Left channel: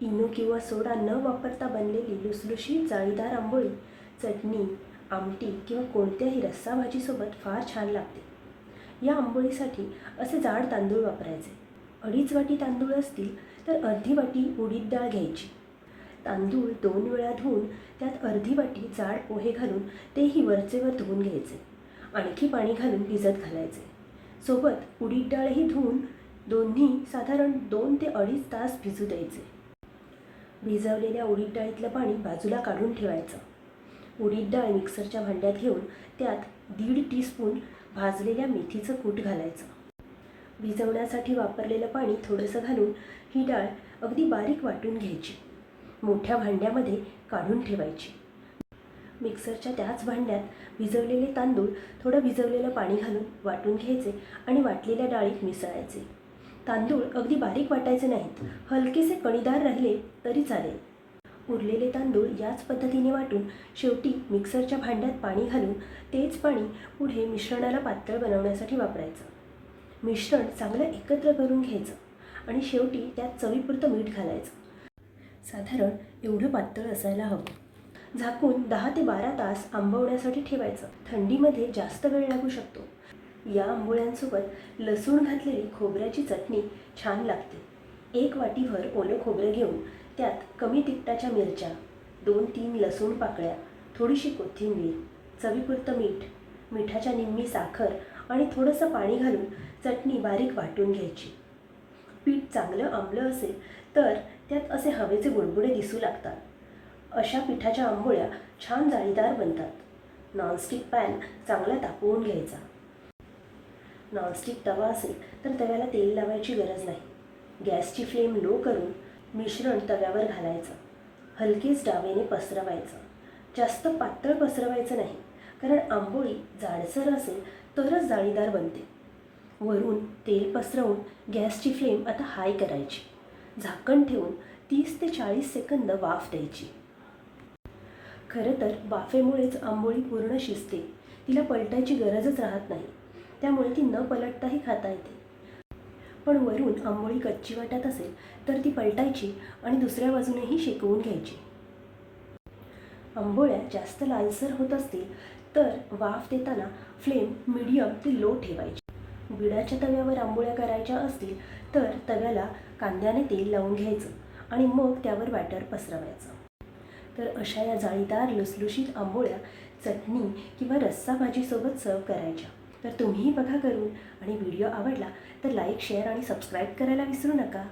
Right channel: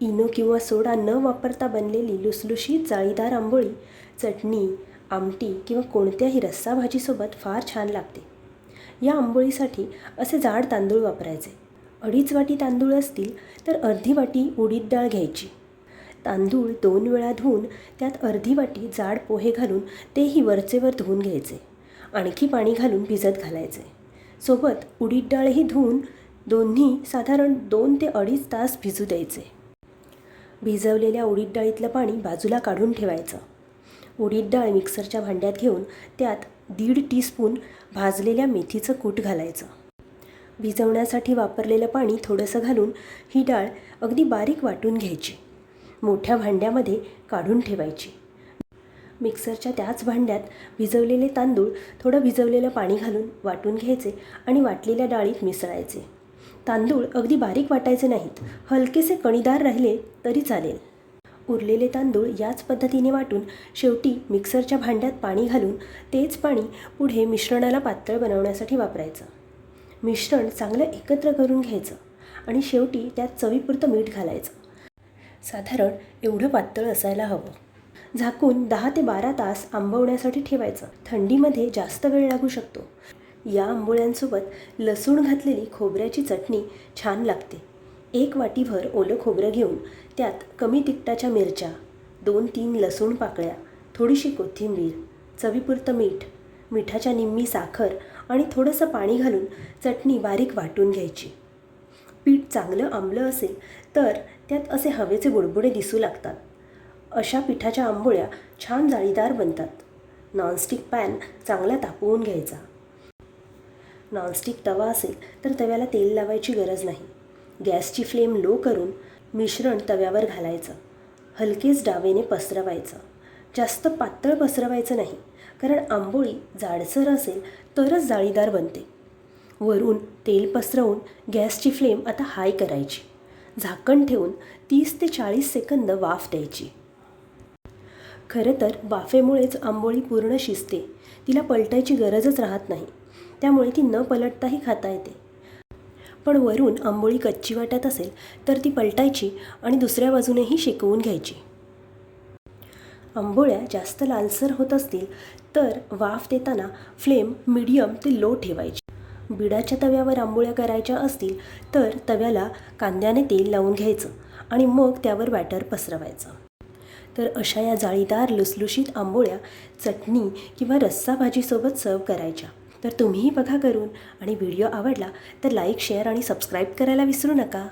Eno किंवा सोडा न वापरता बनलेली लुसलुशीत जाळीदार आंबोळी चटणी आमटी किंवा कोणत्याही रस्सा भाजीसोबत फार छान लागते. या आंबोळीसाठी असे जाड तांदूळ वापरायचे. अडीच वाटी तांदूळ असतील तर अर्धी वाटी उडीद डाळ घ्यायची. तांदूळ दोन वेळा धुवून त्यात अर्धी वाटी जाड पोहे घालून तेही वरचेवर धुवून घ्यायचे. आणखी पाणी घालून भिजत घालायचे. सोबत उडीद डाळही धुवून दोन्ही साधारण दोन ते अडीच तास भिजू द्यायचे. भिजवलेल्या उडीद डाळीतलं पाणी बाजूला काढून ठेवायचं. उडीद डाळ मिक्सरच्या भांड्यात घेऊन त्यात दीड टीस्पून भाजलेल्या मेथीचं कूट घालायचं. भिजवण्यासाठी वापरलेलं पाणी थोडंसं घालून ही डाळ अगदी बारीक वाटून घ्यायची. मोठ्या भांड्यामध्ये काढून ठेवायची. मिक्सरच्या त्याच भांड्यात भिजवलेले तांदूळ थोडं भिजवलेलं पाणी घालून वाटून घ्यायचे आणि वाटलेल्या डाळीत मिसळायचे. तांदूळ अगदी बारीक वाटायचे नाहीत. हलकेसे कणीदार राहिले तरी चालेल. उरलेले तांदूळ याच पद्धतीने वाटून शेवटी मिक्सरच्या भांड्यात पाणी घालून तेच पाणी पुढे मिश्रणाला पातळ बनवण्यासाठी वापरायचं. मिश्रण चांगलं एकत्र करून घ्यायचं आणि शेवटी त्यात चवीपुरतं मीठ घालायचं. साधारण एवढं पातळ असायला हवं. झाकून दहा ते बारा तास आंबवण्यासाठी ठेवायचं. थंडीमध्ये जास्त वेळ लागू शकतो. या आंबोळ्यांसोबत लसूण घातलेली खोबऱ्याची चटणी छान लागते. एक वाटीभर ओलं खोबरं घेऊन त्यात कमी तिखटाच्या मिरच्या दोन तीन लसूण पाकळ्या थोडीशी कोथिंबीर चवीपुरतं मीठ मिठाच्या निम्मी साखर आणि थोडंसं पाणी घालून चटणी बारीक वाटून घ्यायची. पीठ चांगलं आंबलं असेल तर त्यात असे हवेचे बुडबुडे दिसू लागतात. अशा पिठाच्या आंबोळ्या छान जाळीदार बनतात. नॉनस्टिक पॅन चांगला तापवून घ्यायचा. नॉनस्टिक तवा असेल तर तव्याला तेल लावायची गरज नाही. गॅसची फ्लेम लो करून मिश्रण तव्यावर घालायचं. हलकेच डावेने पसरवायचं. जास्त पातळ पसरवायचं नाही कारण आंबोळी जाडसर असेल तरच जाळीदार बनते. वरून तेल पसरवून गॅसची फ्लेम आता हाय करायची. झाकण ठेवून तीस ते चाळीस सेकंद वाफ द्यायची. खरं तर वाफेमुळेच आंबोळी पूर्ण शिजते. तिला पलटायची गरजच राहत नाही. त्यामुळे ती न पलटताही खाता येते. पण वरून आंबोळी कच्ची वाटत असेल तर ती पलटायची आणि दुसऱ्या बाजूनेही शेकवून घ्यायची. आंबोळ्या जास्त लालसर होत असतील तर वाफ देताना फ्लेम मिडियम ते लो ठेवायची. बिडाच्या तव्यावर आंबोळ्या करायच्या असतील तर तव्याला कांद्याने तेल लावून घ्यायचं आणि मग त्यावर बॅटर पसरवायचं. तर अशा या जाळीदार लुसलुशीत आंबोळ्या चटणी किंवा रस्सा भाजीसोबत सर्व करायच्या. तर तुम्हीही बघा करून आणि व्हिडिओ आवडला तर लाईक शेअर आणि सबस्क्राईब करायला विसरू नका.